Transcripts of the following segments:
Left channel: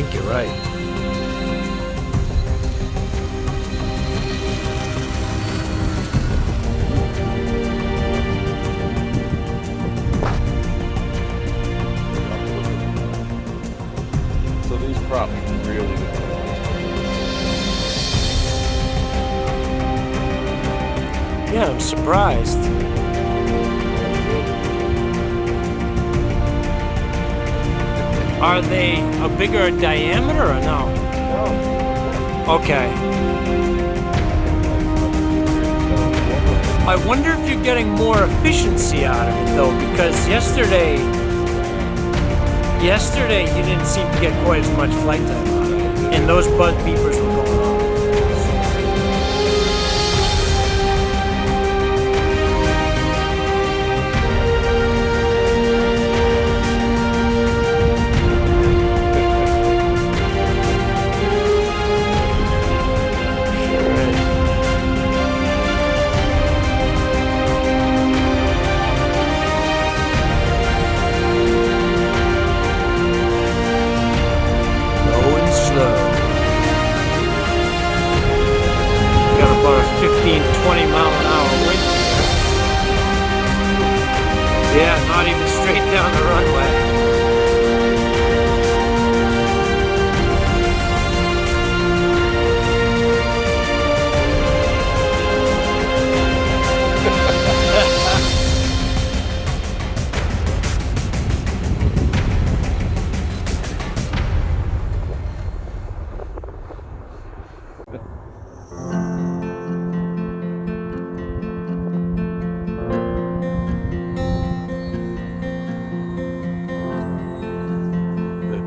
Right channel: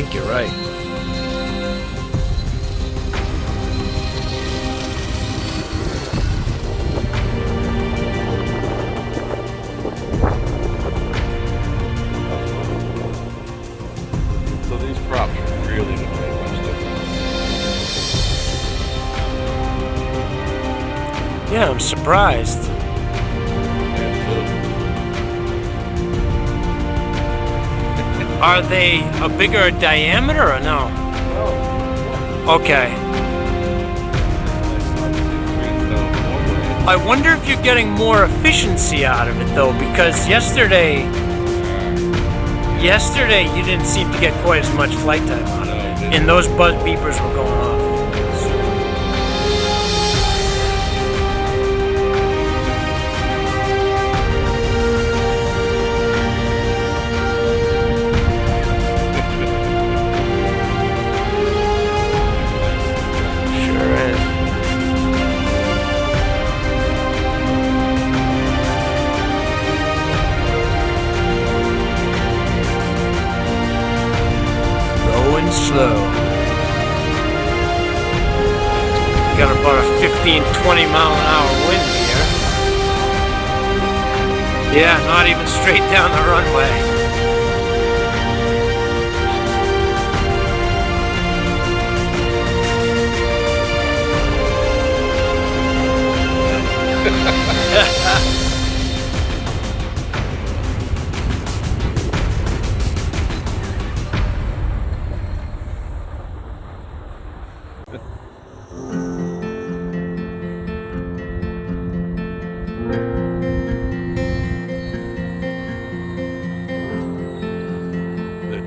think you're right. So these props really don't make much difference. Yeah, I'm surprised. Are they a bigger diameter or no? No. Okay. I wonder if you're getting more efficiency out of it though, because yesterday you didn't seem to get quite as much flight time out of it, and those buzz beepers were going off. Sure is. Going slow. Got about a 15-20 mile an hour wind here. Yeah, not even straight down the runway.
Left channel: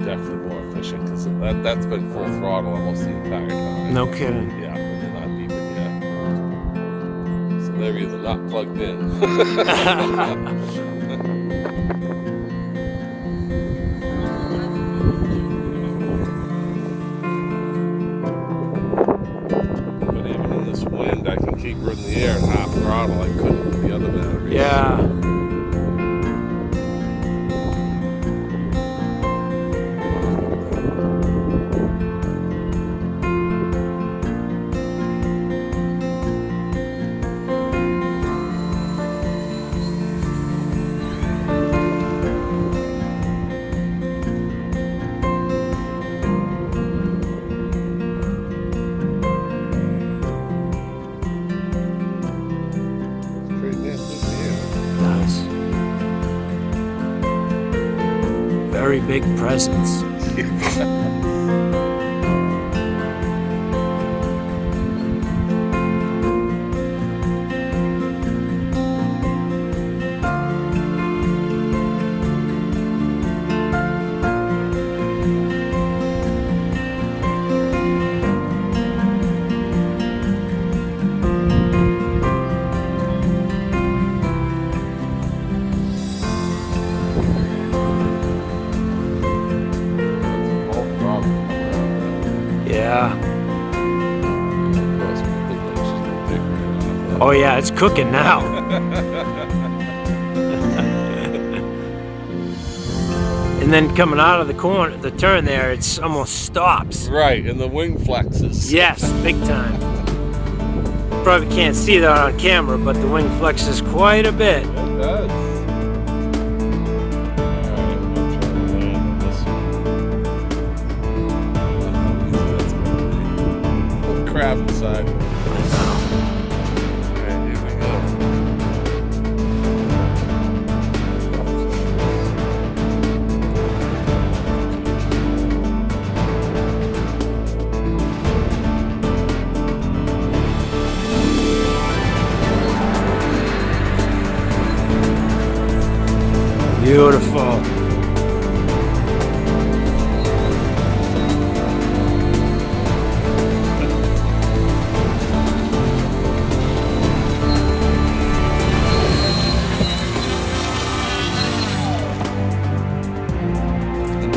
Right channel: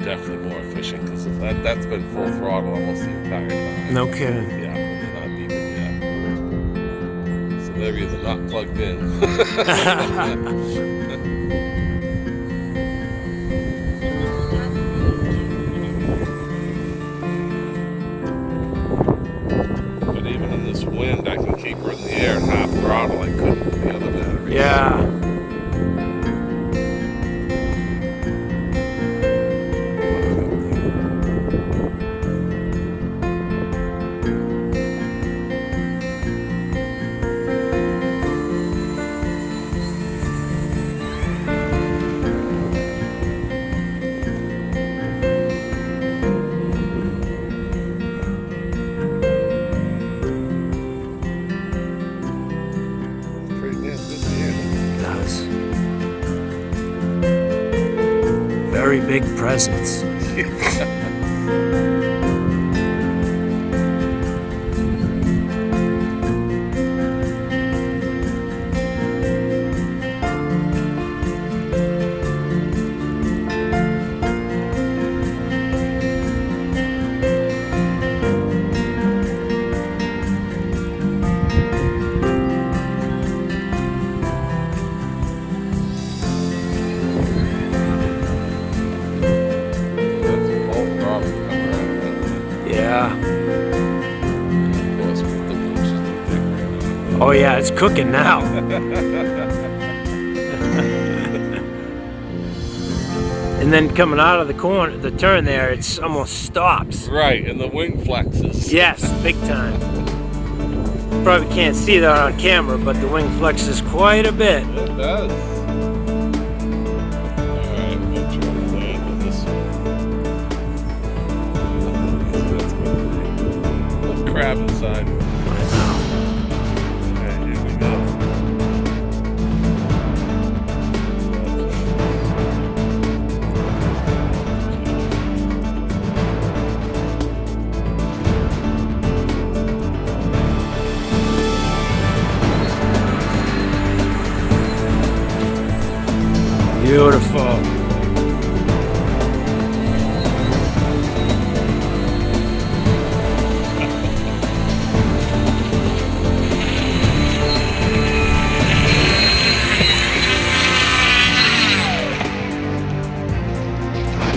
Definitely more efficient because that's been full throttle almost the entire time. No kidding. Yeah, when they're not beeping yet. So they're either not plugged in. But even in this wind, I can keep her in the air half throttle. I couldn't the other day. Yeah. Very big presence. Yeah. Oh yeah, it's cooking now. And then coming out of the corner, the turn there, it's almost stops. Right, and the wing flexes. Yes, big time. Probably can't see that on camera, but the wing flexes quite a bit. It does. Crab inside. Beautiful.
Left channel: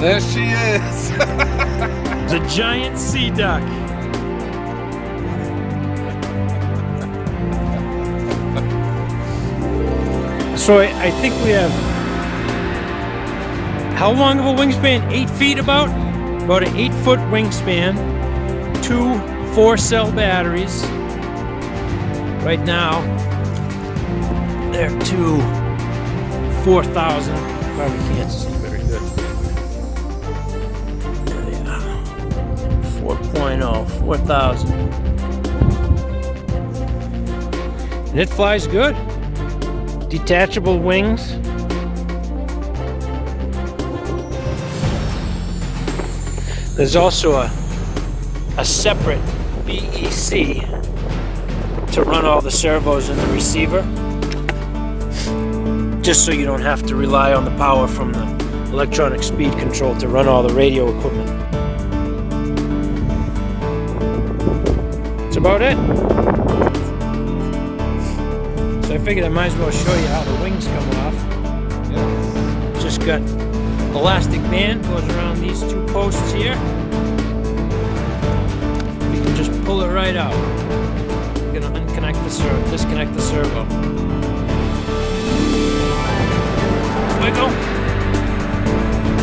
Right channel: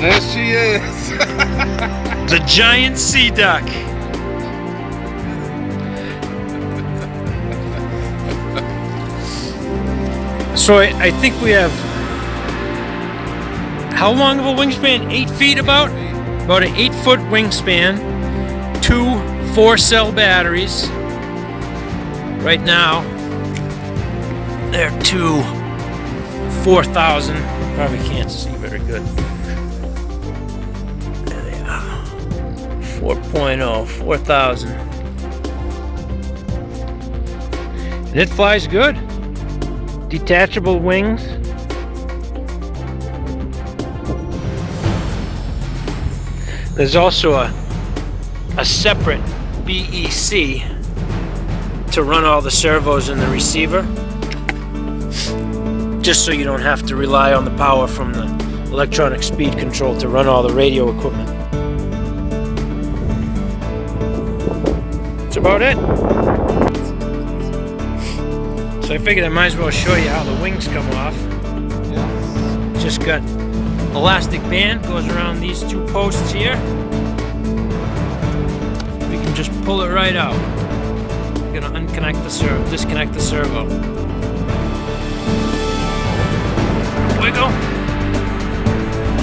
There she is. The giant sea duck. So I think we have, how long of a wingspan? 8 feet about? About an 8-foot wingspan, 2 4-cell batteries. Right now, they're 2 4,000. Probably can't see very good. There they are. 4.0, 4,000. And it flies good. Detachable wings. There's also a separate BEC to run all the servos in the receiver, just so you don't have to rely on the power from the electronic speed control to run all the radio equipment. That's about it. So I figured I might as well show you how the wings come off. Just got elastic band, goes around these 2 posts here. We can just pull it right out. We're gonna unconnect the servo, disconnect the servo. Wiggle.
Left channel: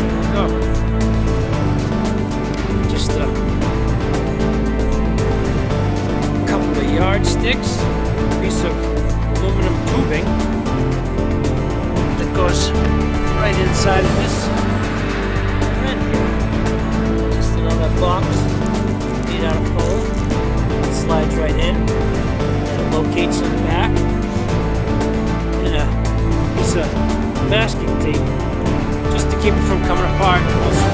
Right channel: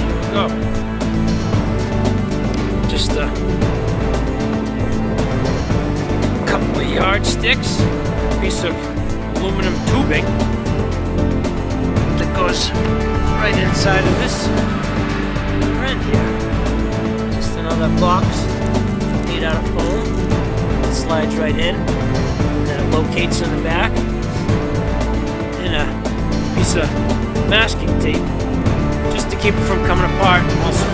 Here we go. Just a couple of yardsticks, a piece of aluminum tubing that goes right inside of this end here. Just another box made out of foam. It slides right in, and it locates in the back. And a piece of masking tape just to keep it from coming apart. Also